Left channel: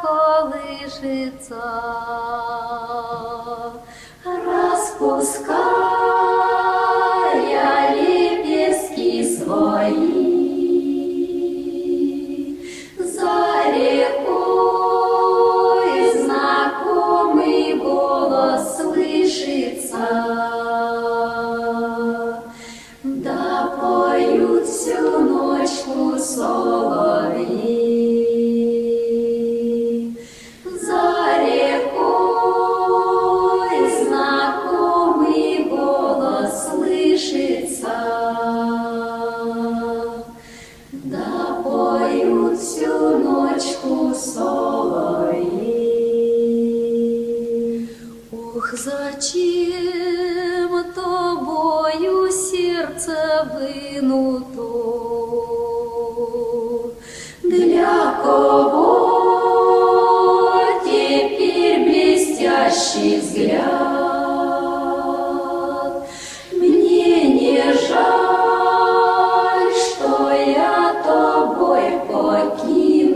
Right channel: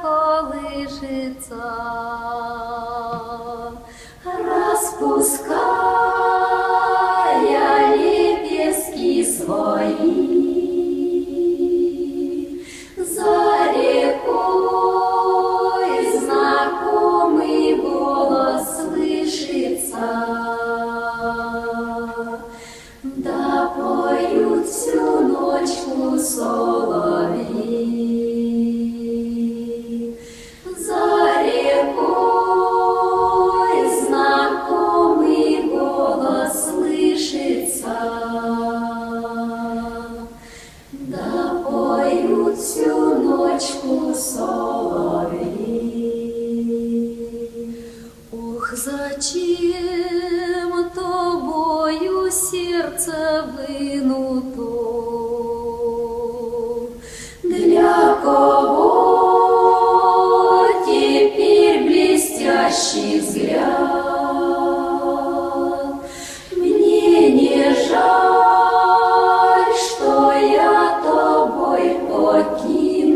колышется, распуская лепестки свои. За рекой знакомый голос слышится, да поют всю ночку соловьи. За рекой знакомый голос слышится, да поют всю ночку соловьи. Ох, зачем тобою сердце вынуто? Для кого теперь блестящий взгляд?